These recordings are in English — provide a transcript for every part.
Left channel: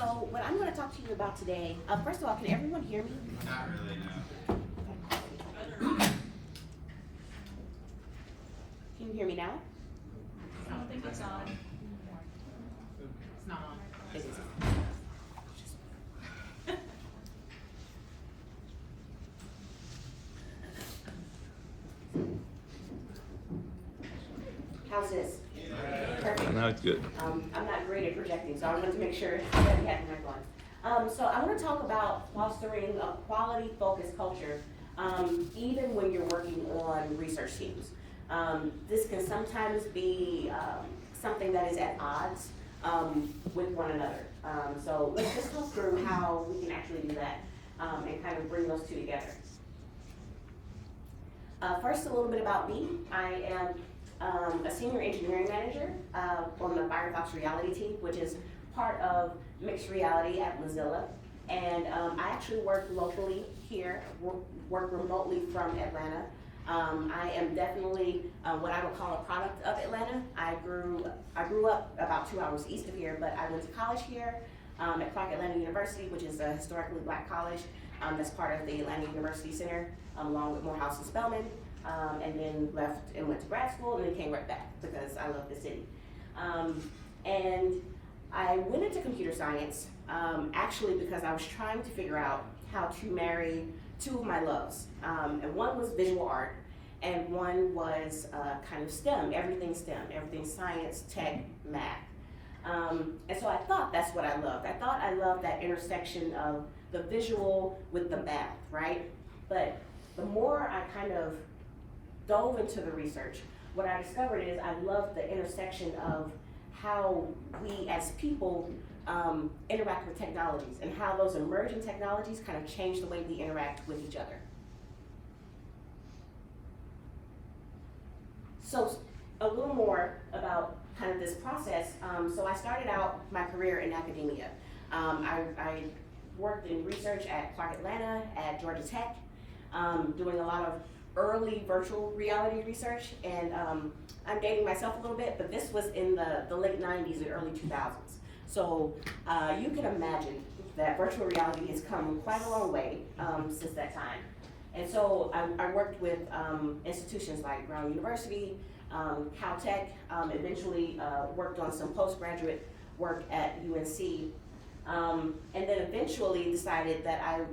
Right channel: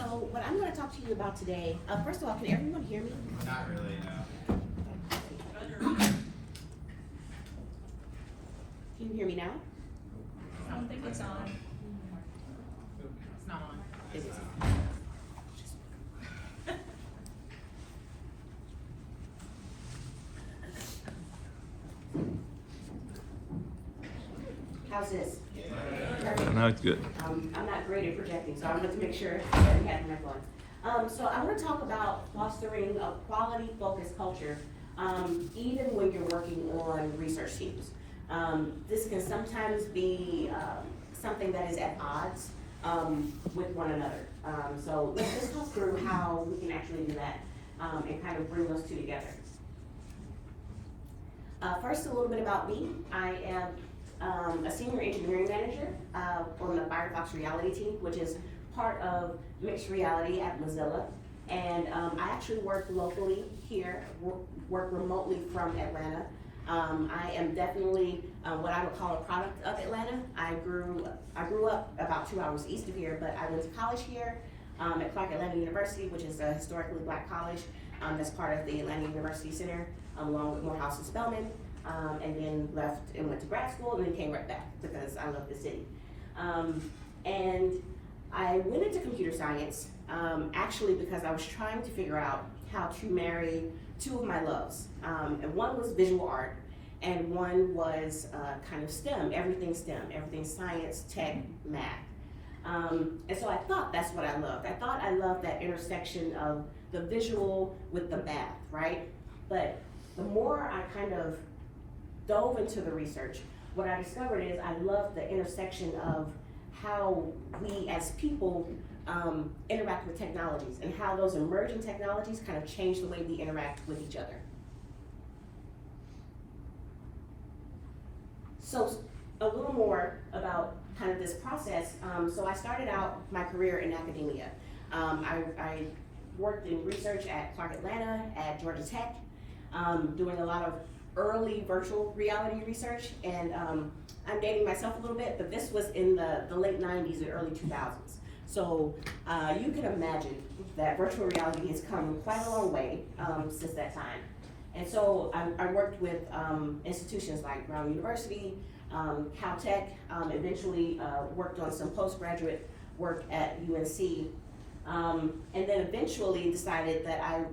So what I'm going to talk to you about today, first of all, can everyone hear me? Not really, no. Can you hear me now? I don't think it's on. It's not on. I think it's on. How's this? Perfect. That's good. I'm not great at projecting, so I wanted to make sure that we had my going. So I want to talk about fostering a quality-focused culture, even when you're working on research teams. This can sometimes be something that is at odds with one another. So let's just talk through how we can actually do that and kind of bring those two together. First, a little bit about me. I am a senior engineering manager on the Firefox Reality team, which is part of mixed reality at Mozilla. And I actually work locally here, work remotely from Atlanta. I am definitely what I would call a product of Atlanta. I grew up about 2 hours east of here, but I went to college here at Clark Atlanta University, which is a historically black college that's part of the Atlanta University Center, along with Morehouse and Spelman. And then left and went to grad school and then came right back because I love the city. And I went into computer science actually because I was trying to figure out how to marry two of my loves. And one was visual art and one was kind of STEM, everything science, tech, math. And so I thought that's what I loved. I thought I loved that intersection of the visual with the math, right? But the more I kind of dove into the research, what I discovered is I love the intersection of how we as people interact with technologies and how those emerging technologies kind of change the way we interact with each other. So a little more about kind of this process. So I started out my career in academia. I worked in research at Clark Atlanta, at Georgia Tech, doing a lot of early virtual reality research, and I'm dating myself a little bit, but this was in the late 90s and early 2000s. So you can imagine that virtual reality has come quite a long way since that time. And so I worked with institutions like Brown University, Caltech, eventually worked on some postgraduate work at UNC, and then eventually decided that I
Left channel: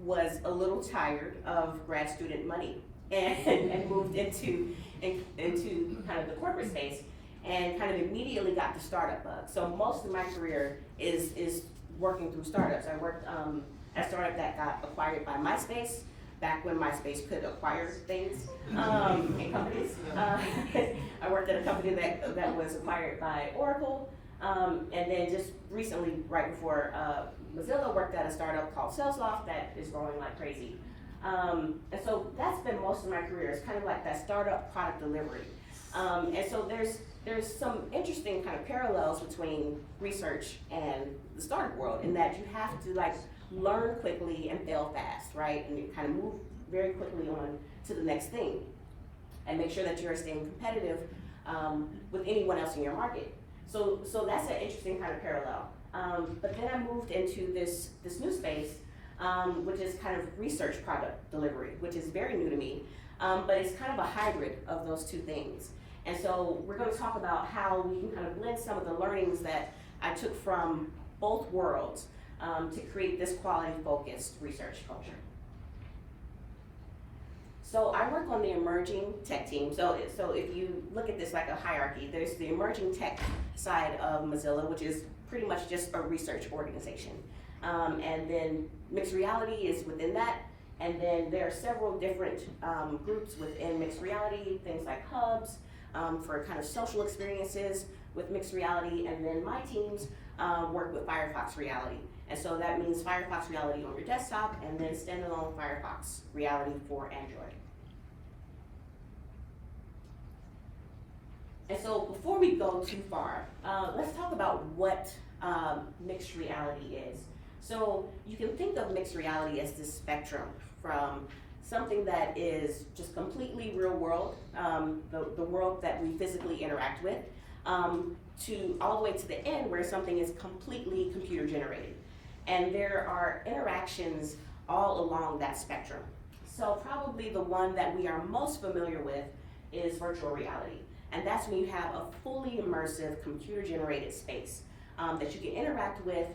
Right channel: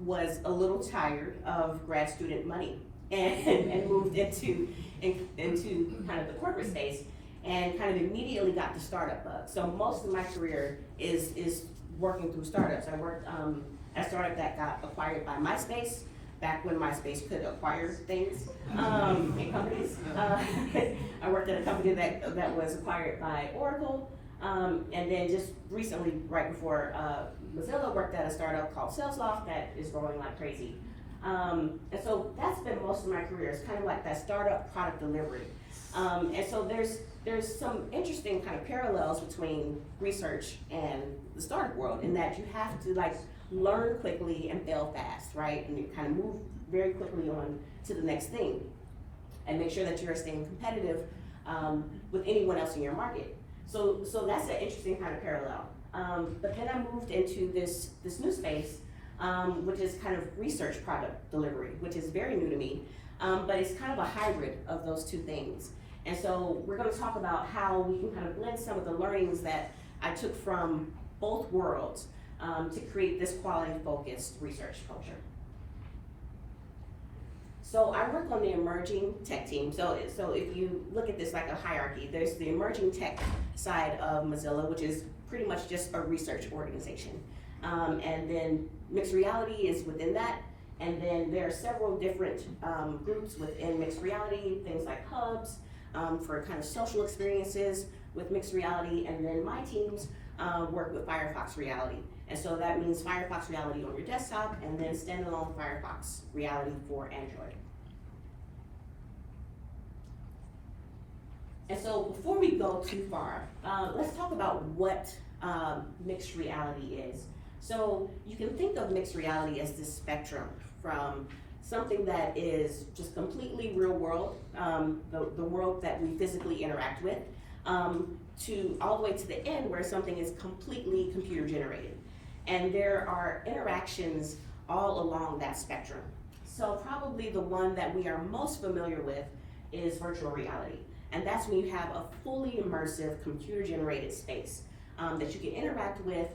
was a little tired of grad student money and moved into kind of the corporate space and kind of immediately got the startup bug. So most of my career is working through startups. I worked at a startup that got acquired by MySpace, back when MySpace could acquire things in companies. I worked at a company that was acquired by Oracle, and then just recently, right before Mozilla, worked at a startup called SalesLoft that is growing like crazy. And so that's been most of my career. It's kind of like that startup product delivery. And so there's some interesting kind of parallels between research and the startup world in that you have to like learn quickly and fail fast, right? And you kind of move very quickly on to the next thing and make sure that you're staying competitive with anyone else in your market. So that's an interesting kind of parallel. But then I moved into this new space, which is kind of research product delivery, which is very new to me, but it's kind of a hybrid of those two things. And so we're going to talk about how we can kind of blend some of the learnings that I took from both worlds to create this quality-focused research culture. So I work on the emerging tech team. So if you look at this like a hierarchy, there's the emerging tech side of Mozilla, which is pretty much just a research organization. And then mixed reality is within that. And then there are several different groups within mixed reality, things like hubs for kind of social experiences with mixed reality. And then my teams work with Firefox Reality. And so that means Firefox Reality on your desktop and then standalone Firefox Reality for Android. And so before we go too far, let's talk about what mixed reality is. So you can think of mixed reality as this spectrum from something that is just completely real world, the world that we physically interact with, to all the way to the end where something is completely computer generated. And there are interactions all along that spectrum. So probably the one that we are most familiar with is virtual reality. And that's when you have a fully immersive computer generated space that you can interact with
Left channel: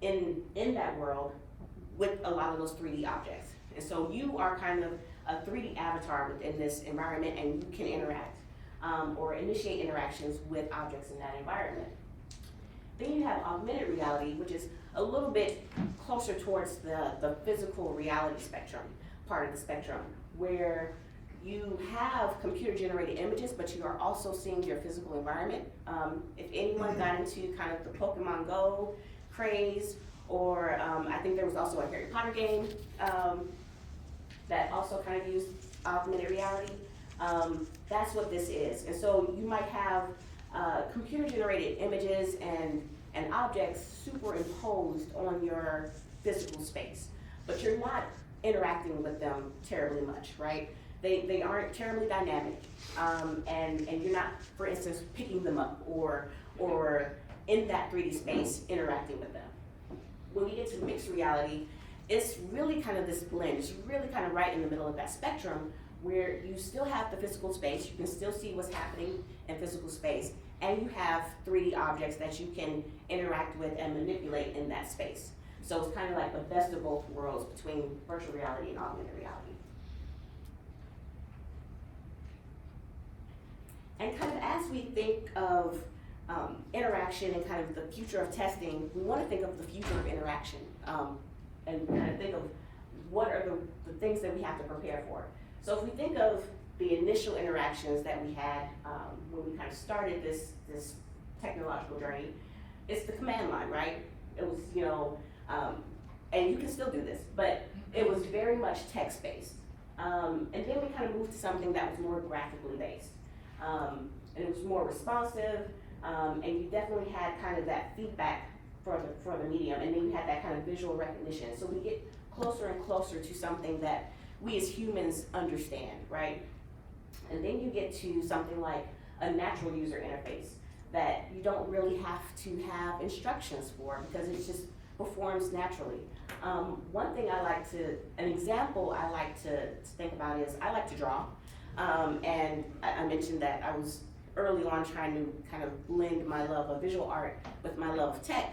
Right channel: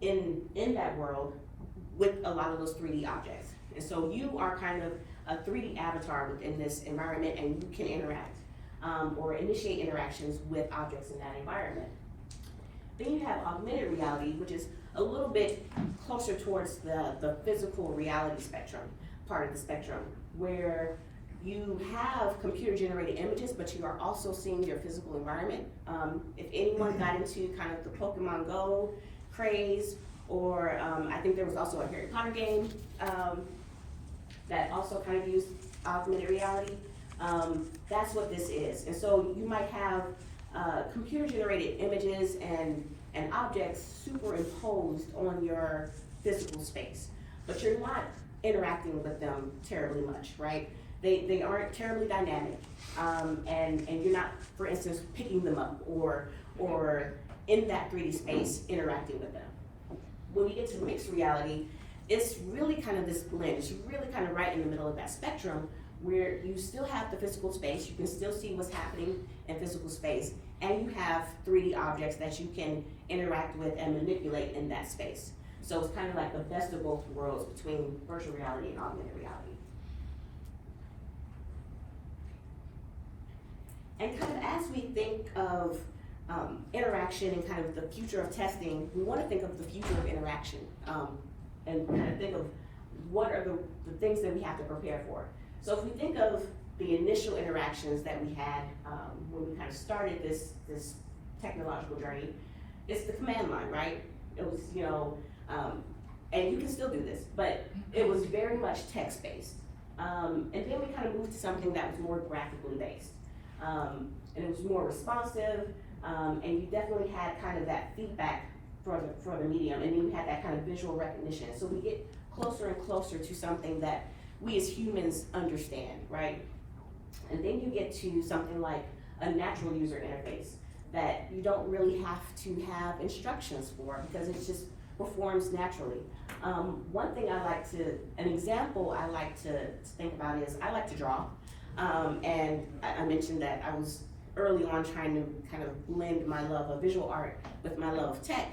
in that world with a lot of those 3D objects. And so you are kind of a 3D avatar within this environment, and you can interact or initiate interactions with objects in that environment. Then you have augmented reality, which is a little bit closer towards the physical reality spectrum, part of the spectrum, where you have computer generated images, but you are also seeing your physical environment. If anyone got into kind of the Pokemon Go craze, or I think there was also a Harry Potter game that also kind of used augmented reality. That's what this is. And so you might have computer generated images and objects superimposed on your physical space, but you're not interacting with them terribly much, right? They aren't terribly dynamic, and you're not, for instance, picking them up or in that 3D space interacting with them. When you get to mixed reality, it's really kind of this blend. It's really kind of right in the middle of that spectrum where you still have the physical space, you can still see what's happening in physical space, and you have 3D objects that you can interact with and manipulate in that space. So it's kind of like the best of both worlds between virtual reality and augmented reality. And kind of as we think of interaction and kind of the future of testing, we want to think of the future of interaction and kind of think of what are the things that we have to prepare for. So if we think of the initial interactions that we had when we kind of started this technological journey, it's the command line, right? It was, and you can still do this, but it was very much text-based. And then we kind of moved to something that was more graphically based. And it was more responsive, and you definitely had kind of that feedback for the medium, and then you had that kind of visual recognition. So we get closer and closer to something that we as humans understand, right? And then you get to something like a natural user interface that you don't really have to have instructions for because it just performs naturally. An example I like to think about is I like to draw. And I mentioned that I was early on trying to kind of blend my love of visual art with my love of tech.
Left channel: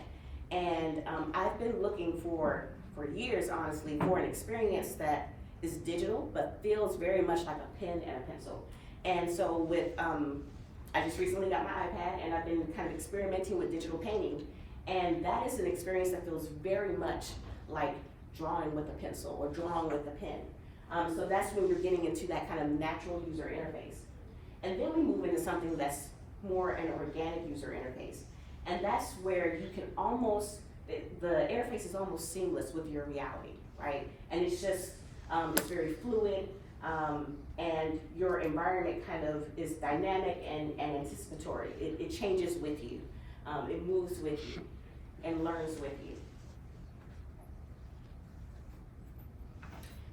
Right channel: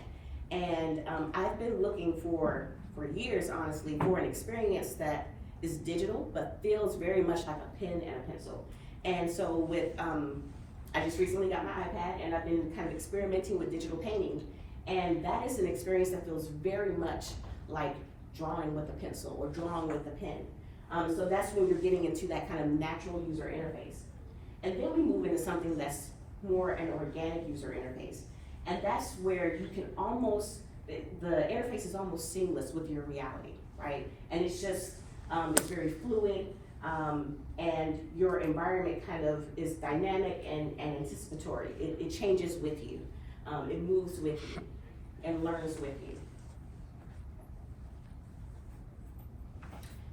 And I've been looking for years, honestly, for an experience that is digital, but feels very much like a pen and a pencil. And so I just recently got my iPad and I've been kind of experimenting with digital painting. And that is an experience that feels very much like drawing with a pencil or drawing with a pen. So that's when you're getting into that kind of natural user interface. And then we move into something that's more an organic user interface. And that's where you can the interface is almost seamless with your reality, right? And it's just, it's very fluid, and your environment kind of is dynamic and anticipatory. It changes with you, it moves with you, and learns with you.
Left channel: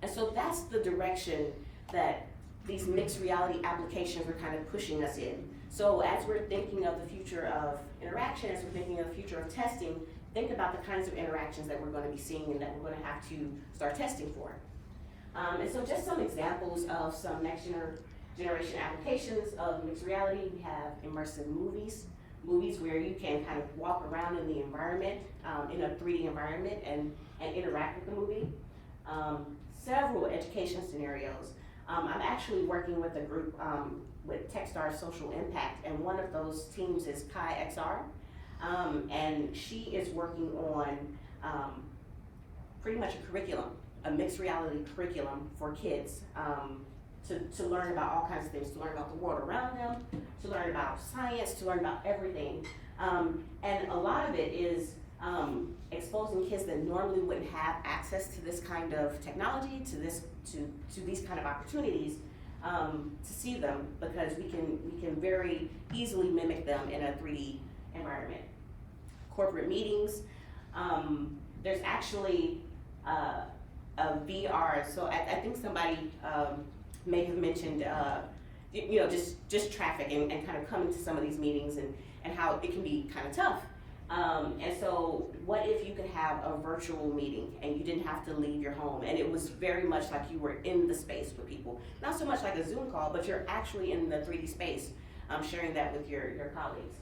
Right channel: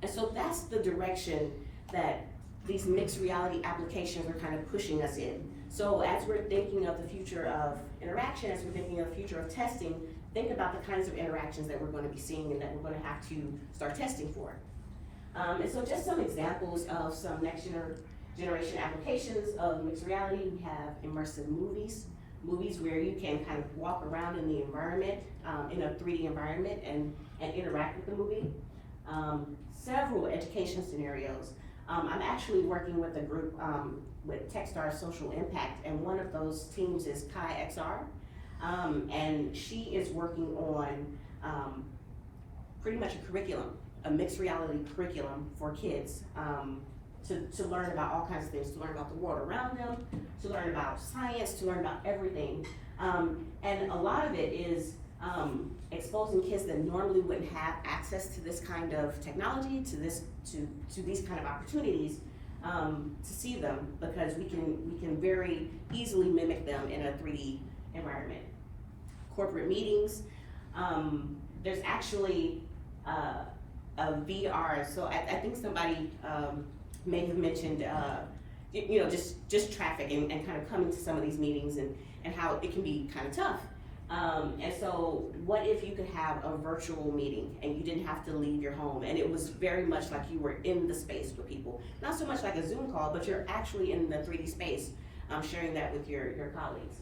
And so that's the direction that these mixed reality applications are kind of pushing us in. So as we're thinking of the future of interaction, as we're thinking of the future of testing, think about the kinds of interactions that we're going to be seeing and that we're going to have to start testing for. And so just some examples of some next generation applications of mixed reality. We have immersive movies where you can kind of walk around in the environment, in a 3D environment and interact with the movie. Several education scenarios. I'm actually working with a group with Techstars Social Impact, and one of those teams is Kai XR, and she is working on pretty much a curriculum, a mixed reality curriculum for kids to learn about all kinds of things, to learn about the world around them, to learn about science, to learn about everything. And a lot of it is exposing kids that normally wouldn't have access to this kind of technology, to these kind of opportunities, to see them, because we can very easily mimic them in a 3D environment. Corporate meetings, there's actually a VR, so I think somebody may have mentioned just traffic and kind of coming to some of these meetings and how it can be kind of tough. And so what if you could have a virtual meeting and you didn't have to leave your home, and it was very much like you were in the space with people, not so much like a Zoom call, but you're actually in the 3D space, sharing that with your colleagues.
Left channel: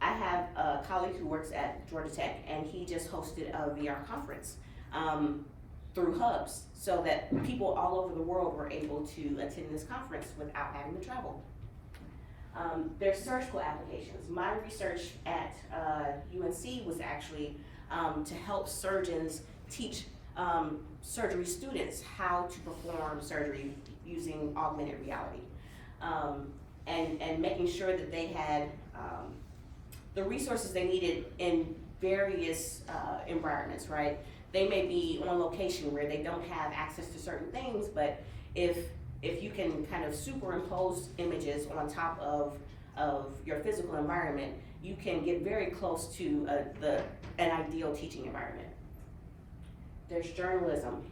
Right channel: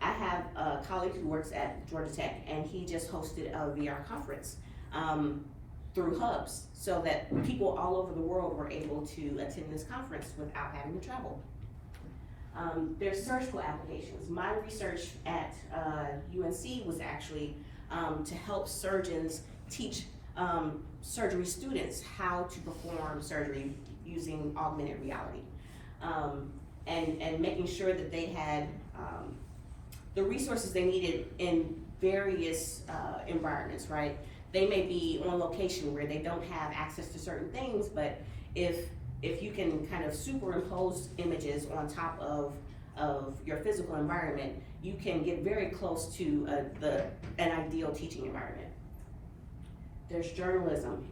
I have a colleague who works at Georgia Tech, and he just hosted a VR conference through hubs, so that people all over the world were able to attend this conference without having to travel. There's surgical applications. My research at UNC was actually to help surgeons teach surgery students how to perform surgery using augmented reality, and making sure that they had the resources they needed in various environments, right? They may be on location where they don't have access to certain things, but if you can kind of superimpose images on top of your physical environment, you can get very close to an ideal teaching environment. There's journalism,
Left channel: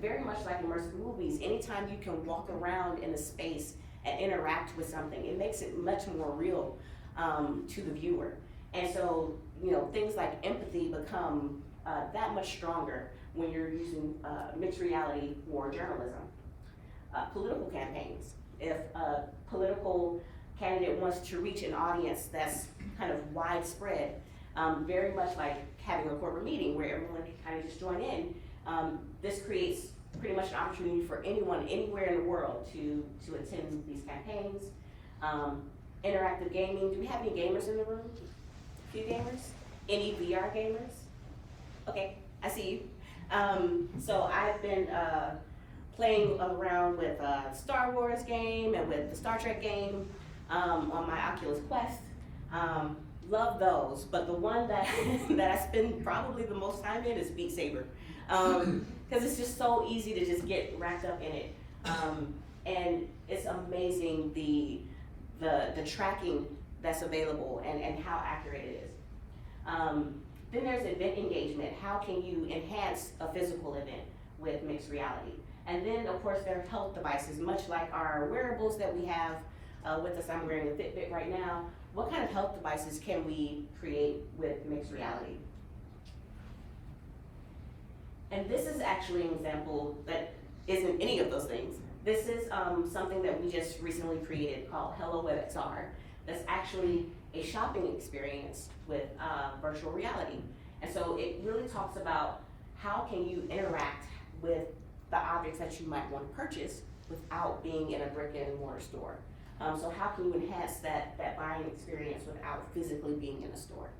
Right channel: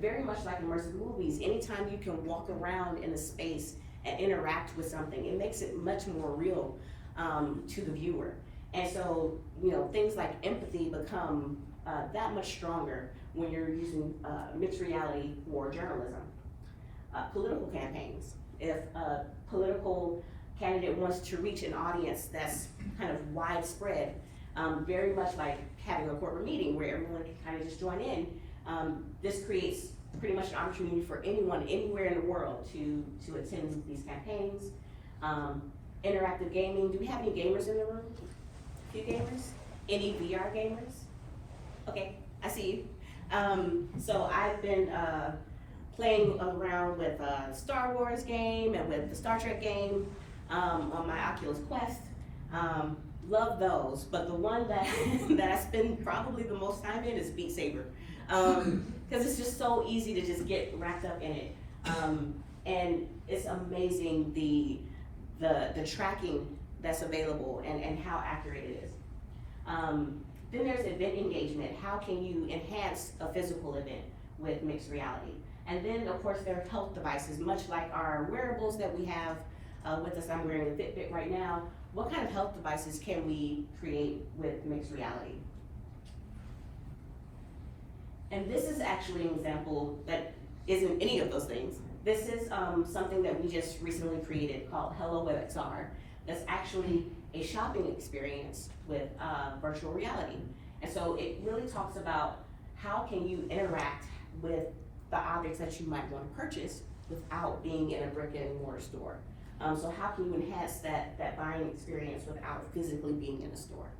very much like immersive movies. Anytime you can walk around in a space and interact with something, it makes it much more real to the viewer. And so, things like empathy become that much stronger when you're using mixed reality for journalism. Political campaigns. If a political candidate wants to reach an audience that's kind of widespread, very much like having a corporate meeting where everyone can kind of just join in, this creates pretty much an opportunity for anyone anywhere in the world to attend these campaigns. Interactive gaming. Do we have any gamers in the room? A few gamers? Any VR gamers? Okay, I see you. So I've been playing around with Star Wars game and with the Star Trek game on my Oculus Quest. Love those, but the one that that I spend probably the most time in is Beat Saber, because it's just so easy to just get wrapped up in it, and it's amazing the tracking that's available and how accurate it is. Then there's event engagement. How can you enhance a physical event with mixed reality? And then, of course, there are health devices, much like our wearables that we have with us. I'm wearing a Fitbit right now. What kind of health devices can we create with mixed reality? And this is actually an example that isn't any of those things. This is something that we just recently created called Hello WebXR. That's actually a shopping experience with virtual reality. And so it really talks about how can you interact with the objects that you might want to purchase without being in a brick and mortar store. So how can you enhance that buying experience without physically being in a store?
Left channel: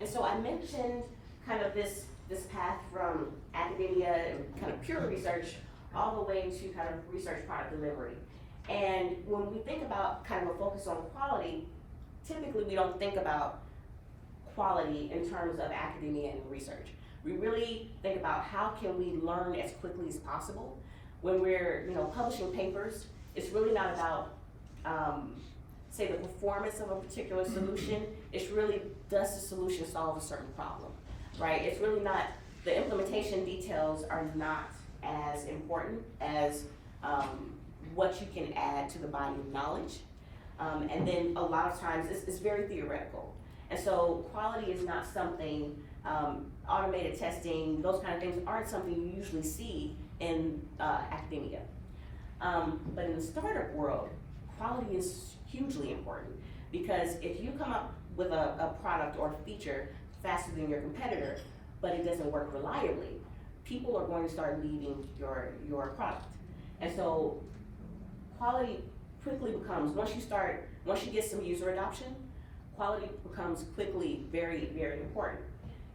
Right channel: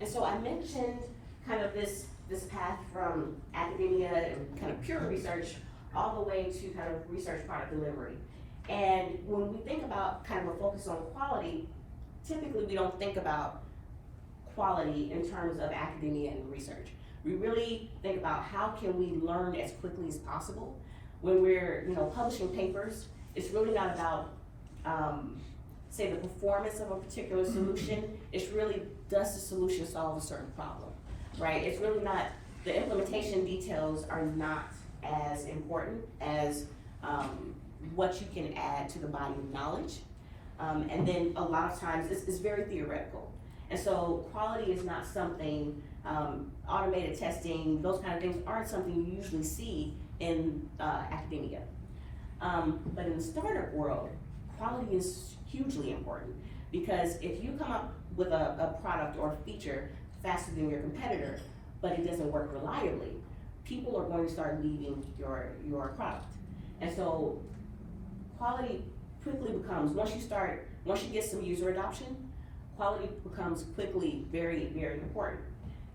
And so I mentioned kind of this path from academia and kind of pure research all the way to kind of research product delivery. And when we think about kind of a focus on quality, typically we don't think about quality in terms of academia and research. We really think about how can we learn as quickly as possible. When we're publishing papers, it's really not about say the performance of a particular solution. It's really, does the solution solve a certain problem, right? It's really not, the implementation details are not as important as what you can add to the body of knowledge. And then a lot of times it's very theoretical. And so quality is not something, automated testing, those kind of things aren't something you usually see in academia. But in the startup world, quality is hugely important, because if you come up with a product or a feature faster than your competitor, but it doesn't work reliably, people are going to start leaving your product. And so quality quickly becomes, once you get some user adoption, quality becomes quickly very, very important.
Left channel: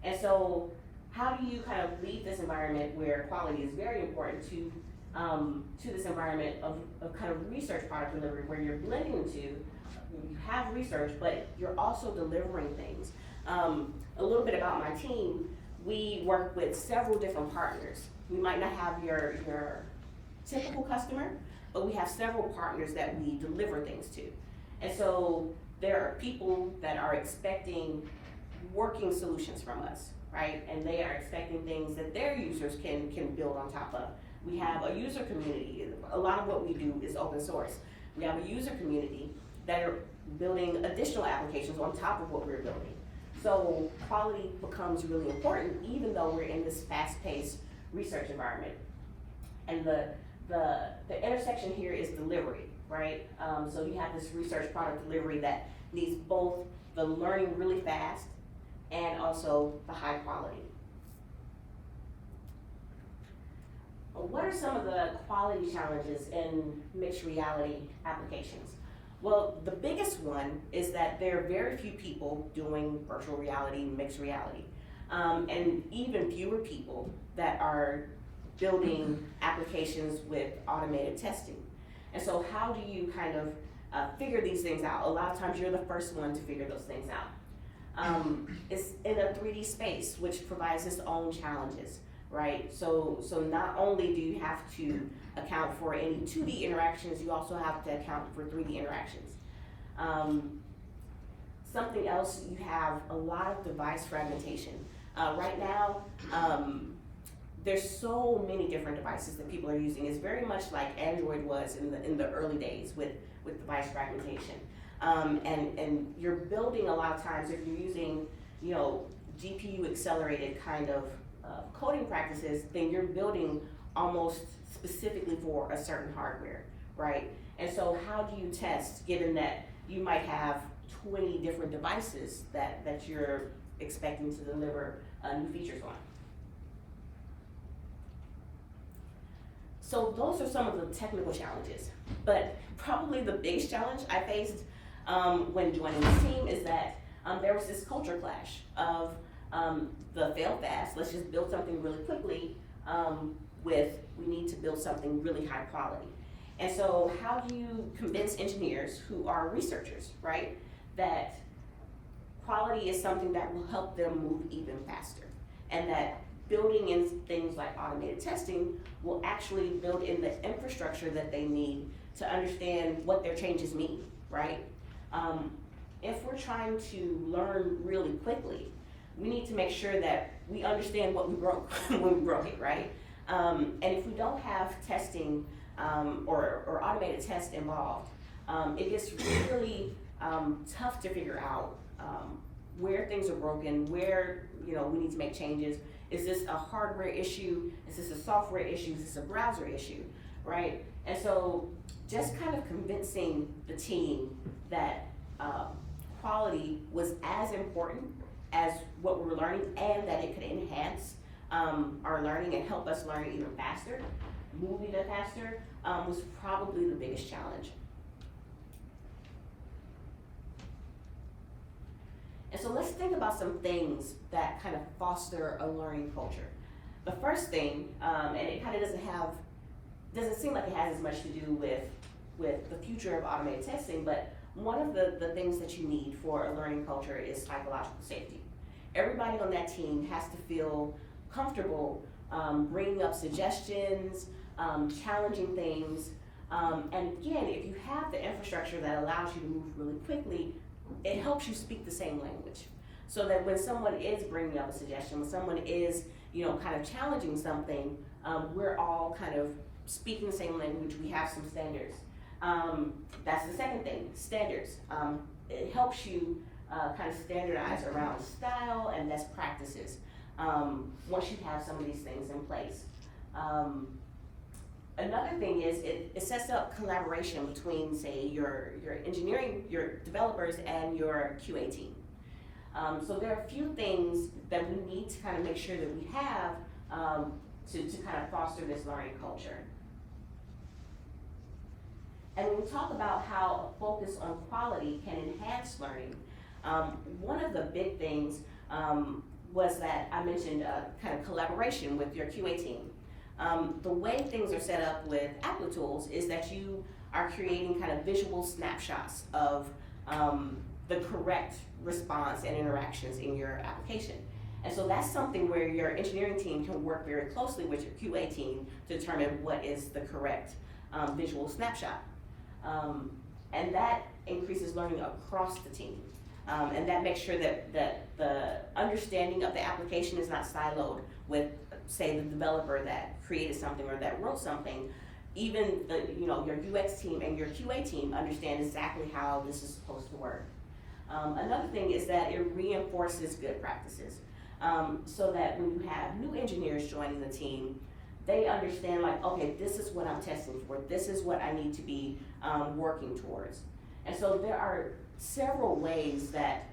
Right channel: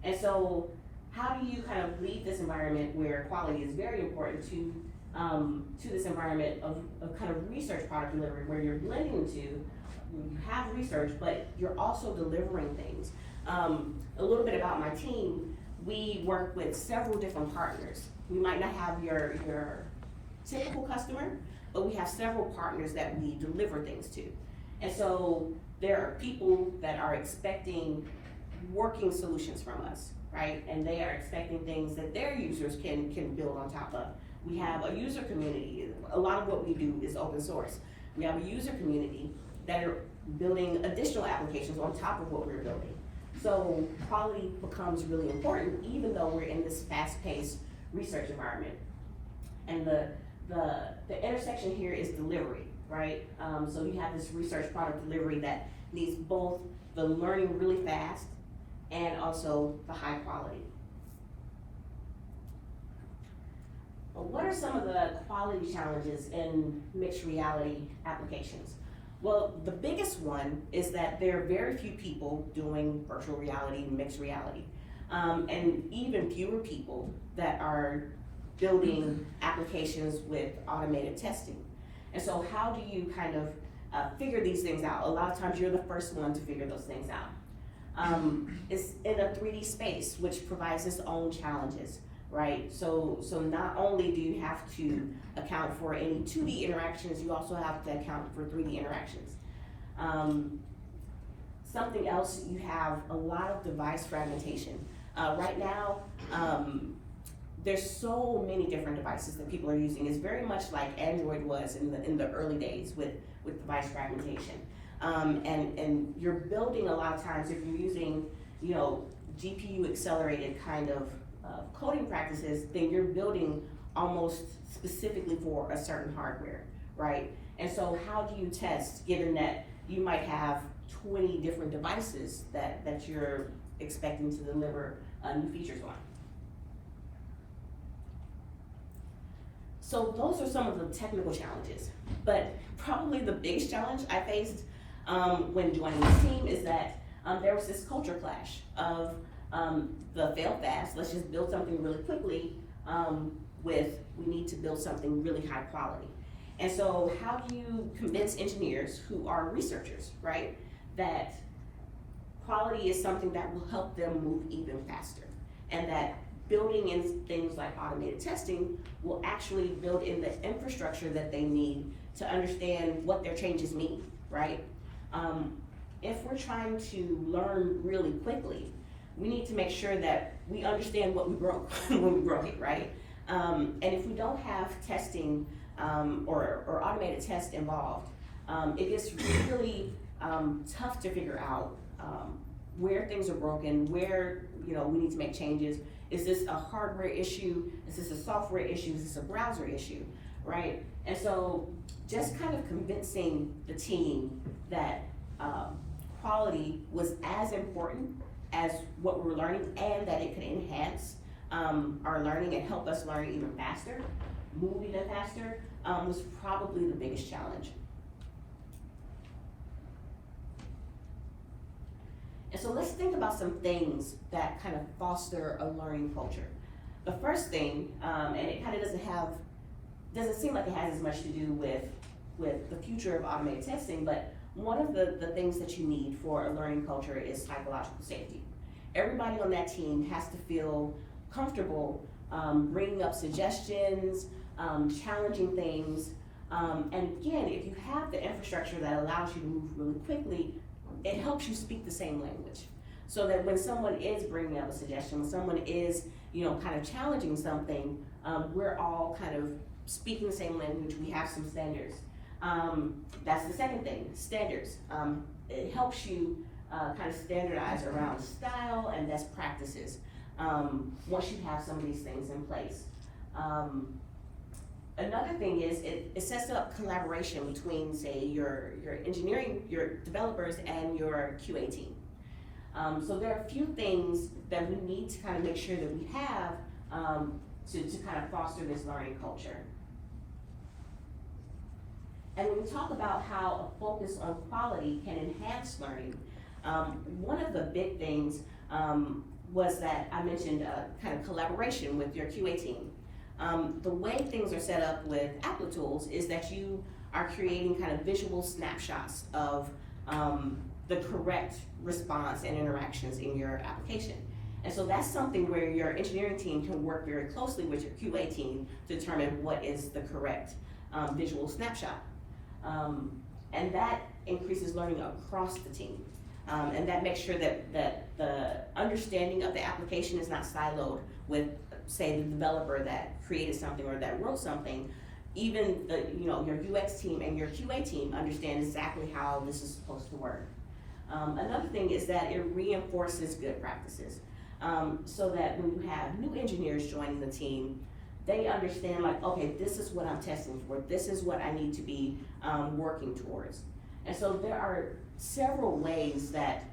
And so how do you kind of leave this environment where quality is very important to this environment of kind of research product delivery, where you're blending the two, you have research, but you're also delivering things. A little bit about my team, we work with several different partners. We might not have your typical customer, but we have several partners that we deliver things to. And so there are people that are expecting working solutions from us, right? And they are expecting things that their users can build on top of. We have a user community. A lot of what we do is open source. We have a user community that are building additional applications on top of what we're building. So quality becomes really important, even though we're in this fast-paced research environment. And the intersection here is delivery, right? So you have this research product delivery that needs both the learning really fast and also the high quality. What are some of the quality challenges in mixed reality applications? Well, the biggest one is that there are very few people doing virtual reality, mixed reality, and even fewer people that are building applications with automated testing. And so how do you kind of figure these things out? A lot of times you're the first one to figure those things out. It's in a 3D space, which provides its own challenges, right? So not only do you have to account for any 2D interactions, you also have to account for 3D interactions. Something else, you have a lot of device fragmentation. Right now, there's so many different devices that people are using. It's very much like Android was in the early days with device fragmentation. And you're building a lot of times, if you're using, GPU accelerated kind of coding practices, then you're building almost specifically for a certain hardware, right? And so how do you test, given that you might have 20 different devices that you're expecting to deliver new features on? So those are some of the technical challenges, but probably the biggest challenge I faced when joining the team is that there was this culture clash of the fail fast, let's just build something really quickly, with we need to build something really high quality. And so how do you convince engineers who are researchers, right, that quality is something that will help them move even faster, and that building in things like automated testing will actually build in the infrastructure that they need to understand what their changes mean, right? If we're trying to learn really quickly, we need to make sure that we understand what we broke when we broke it, right? And if we don't have testing or automated tests involved, it gets really tough to figure out where things are broken, where we need to make changes. Is this a hardware issue? Is this a software issue? Is this a browser issue, right? And so just kind of convincing the team that quality was as important as what we were learning, and that it could enhance our learning and help us learn even faster, move even faster, was probably the biggest challenge. And so let's think about some things that kind of foster a learning culture. The first thing, and it kind of doesn't seem like it has as much to do with the future of automated testing, but one of the things that you need for a learning culture is psychological safety. Everybody on that team has to feel comfortable bringing up suggestions, challenging things, and again, if you have the infrastructure that allows you to move really quickly, it helps you speak the same language. So that when someone is bringing up a suggestion, when someone is, kind of challenging something, we're all kind of speaking the same language. We have some standards. That's the second thing, standards. It helps you kind of standardize around style and best practices once you have some of these things in place. Another thing is it sets up collaboration between, say, your engineering, your developers, and your QA team. So there are a few things that we need to kind of make sure that we have to kind of foster this learning culture. And when we talk about how a focus on quality can enhance learning, one of the big things was that I mentioned kind of collaboration with your QA team. The way things are set up with Applitools is that you are creating kind of visual snapshots of the correct response and interactions in your application. And so that's something where your engineering team can work very closely with your QA team to determine what is the correct visual snapshot. And that increases learning across the team. And that makes sure that the understanding of the application is not siloed with say the developer that created something or that wrote something, even your UX team and your QA team understand exactly how this is supposed to work. Another thing is that it reinforces good practices, so that when you have new engineers joining the team, they understand like, okay, this is what I'm testing for, this is what I need to be working towards. And so there are several ways that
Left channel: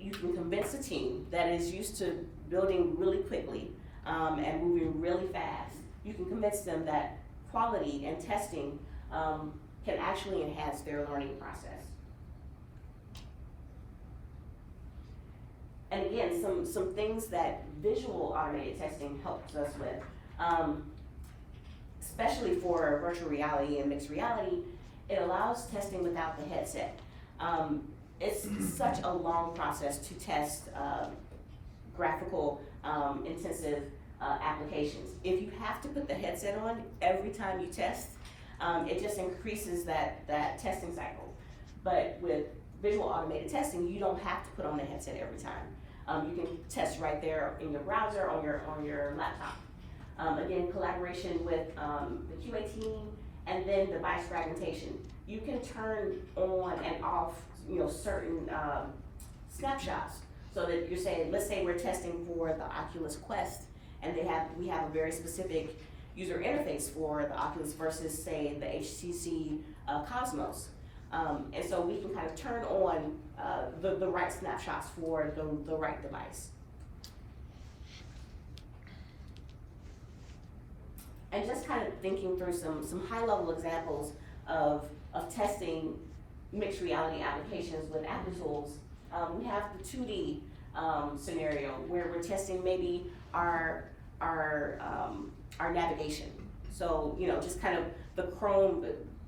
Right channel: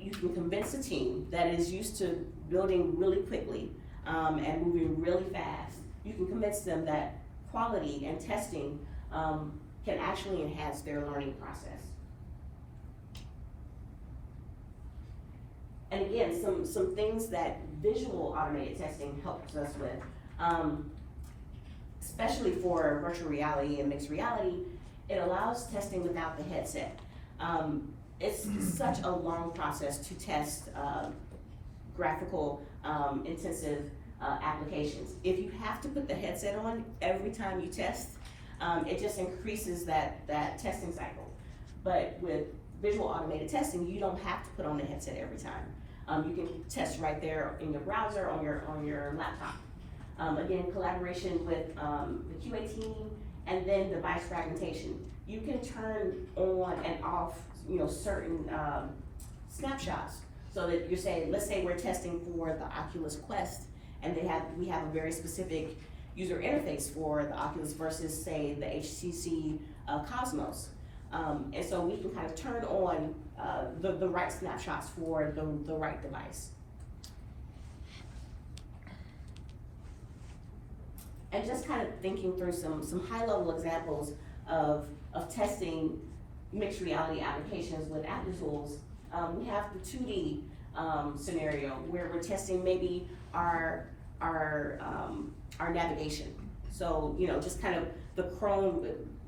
you can convince a team that is used to building really quickly and moving really fast. You can convince them that quality and testing can actually enhance their learning process. And again, some things that visual automated testing helps us with, especially for virtual reality and mixed reality, it allows testing without the headset. It's such a long process to test graphical intensive applications. If you have to put the headset on every time you test, it just increases that testing cycle. But with visual automated testing, you don't have to put on the headset every time. You can test right there in your browser on your laptop. Again, collaboration with the QA team, and then device fragmentation. You can turn on and off, certain snapshots, so that you're saying, let's say we're testing for the Oculus Quest, and we have a very specific user interface for the Oculus versus, say, the HTC Cosmos. And so we can kind of turn on the right snapshots for the right device. And just kind of thinking through some high-level examples of testing mixed reality applications with Applitools. We have the 2D scenario where we're testing maybe our navigation. So just kind of the Chrome.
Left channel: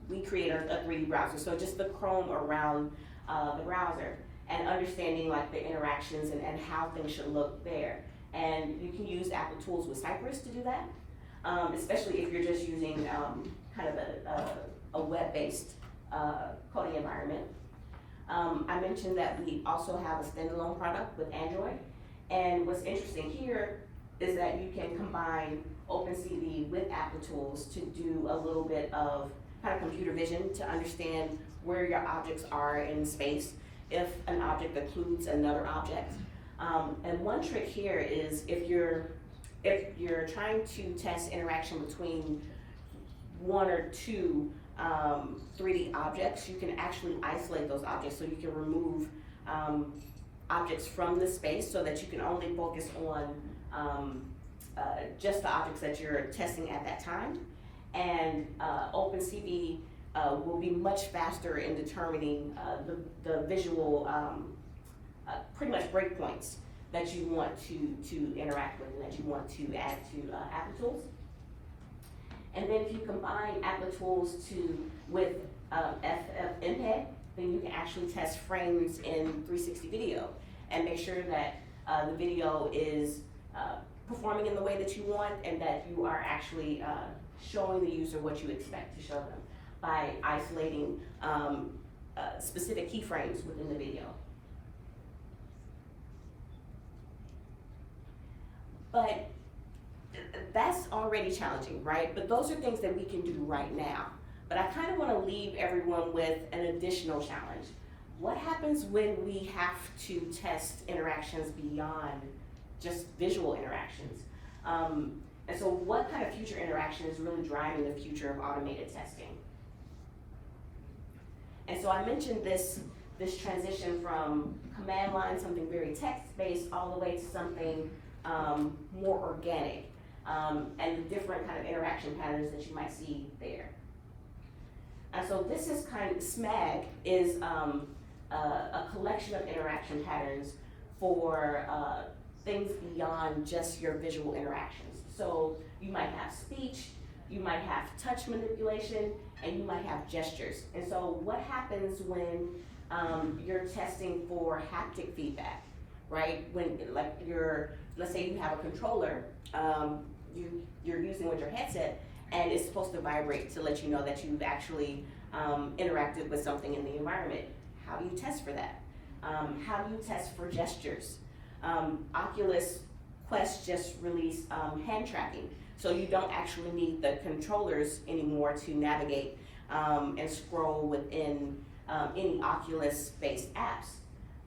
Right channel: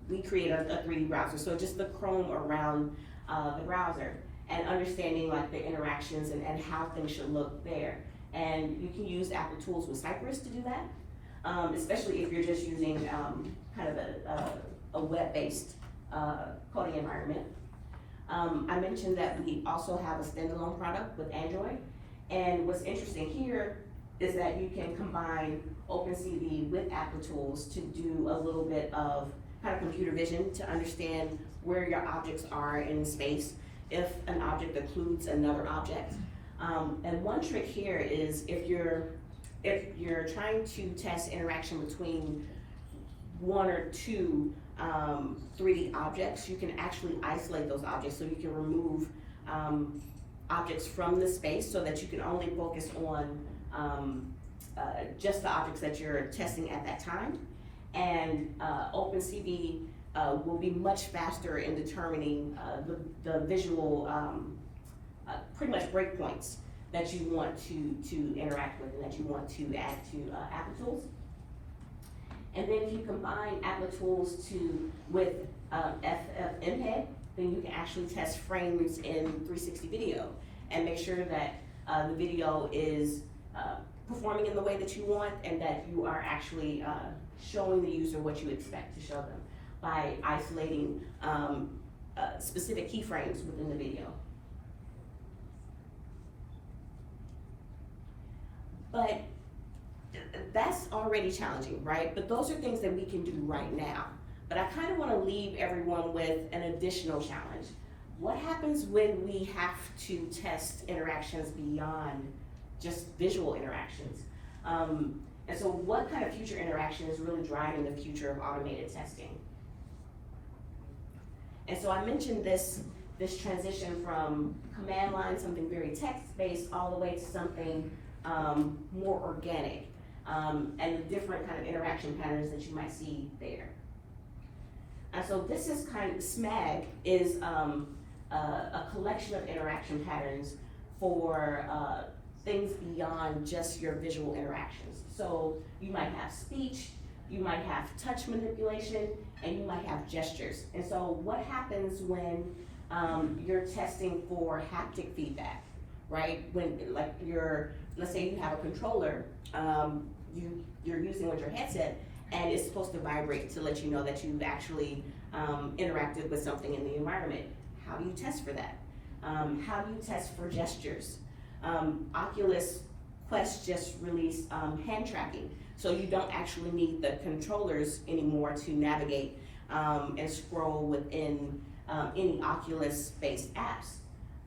We create a 3D browser, so just the Chrome around the browser, and understanding like the interactions and how things should look there. And you can use Applitools with Cypress to do that. Especially if you're just using kind of a web-based coding environment. I mentioned that we also have a standalone product with Android, and what's interesting here is that you can combine OpenCV with Applitools to do a little bit of kind of computer vision to understand where your objects are in space, if an object occludes another object. And one trick here is if you're trying to test interaction between one or two 3D objects, you can actually isolate those objects, so you can remove objects from the space so that you can only focus on just the objects that you're testing at that time. And OpenCV will be much faster in determining the visual, pretty much breakpoints that you want to interact with and that you want to add to Applitools. And then if you combine Applitools with FFmpeg, then you can actually test frames in 360 video and make sure that the video is performing in the way that you want, and that you are actually showing the user what you expect to show them by isolating specific keyframes within the video. But that's already challenging, right? But those are things that we can do right now. But I kind of want to leave everyone with an additional challenge. What happens when we have to test interactions beyond just visual interactions? And so what kind of future interaction is really driving the future of automated testing? And so I mentioned this transition from command line, something very text-based, all the way to something more organic, and the different kind of interaction patterns that you might see there. And so this is SMAG is a collection of interaction patterns for things beyond just your visual interactions. So you might have speech, you might have touch manipulation, and you might have gestures. And so what happens when you're testing for haptic feedback, right? When let's say you have a controller you're using with your headset, and it's supposed to vibrate to let you know that you've actually interacted with something in the environment. How do you test for that? How do you test for gestures? Oculus Quest just released hand tracking. So you don't actually need the controllers anymore to navigate and scroll within any Oculus-based apps.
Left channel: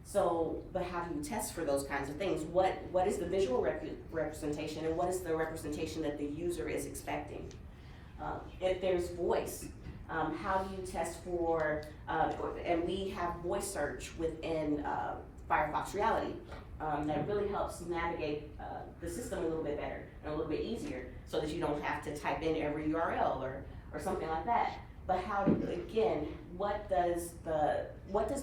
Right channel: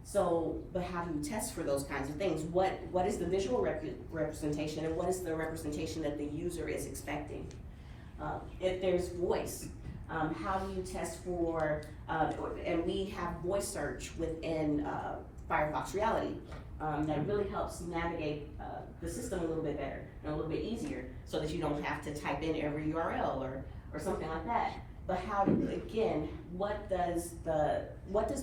So, but how do you test for those kinds of things? What is the visual representation, and what is the representation that the user is expecting? If there's voice, how do you test for, and we have voice search within Firefox Reality that really helps navigate the system a little bit better and a little bit easier, so that you don't have to type in every URL or something like that. But how, again, what does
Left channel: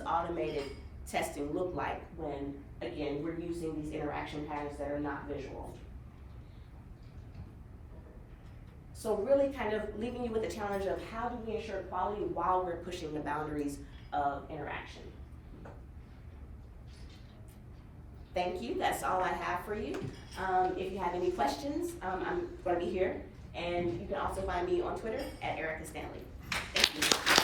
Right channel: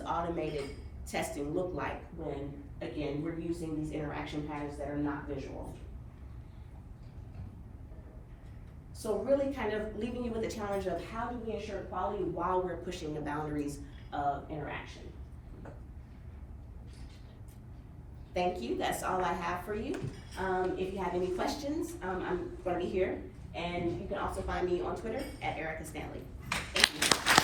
automated testing look like when, again, we're using these interaction patterns that are not visual? So really kind of leaving you with the challenge of how do we ensure quality while we're pushing the boundaries of interaction. Thank you, that's all I have for you. If you have any questions, I'm gonna be here, and you can also find me on Twitter at Erica Stanley. Thank you.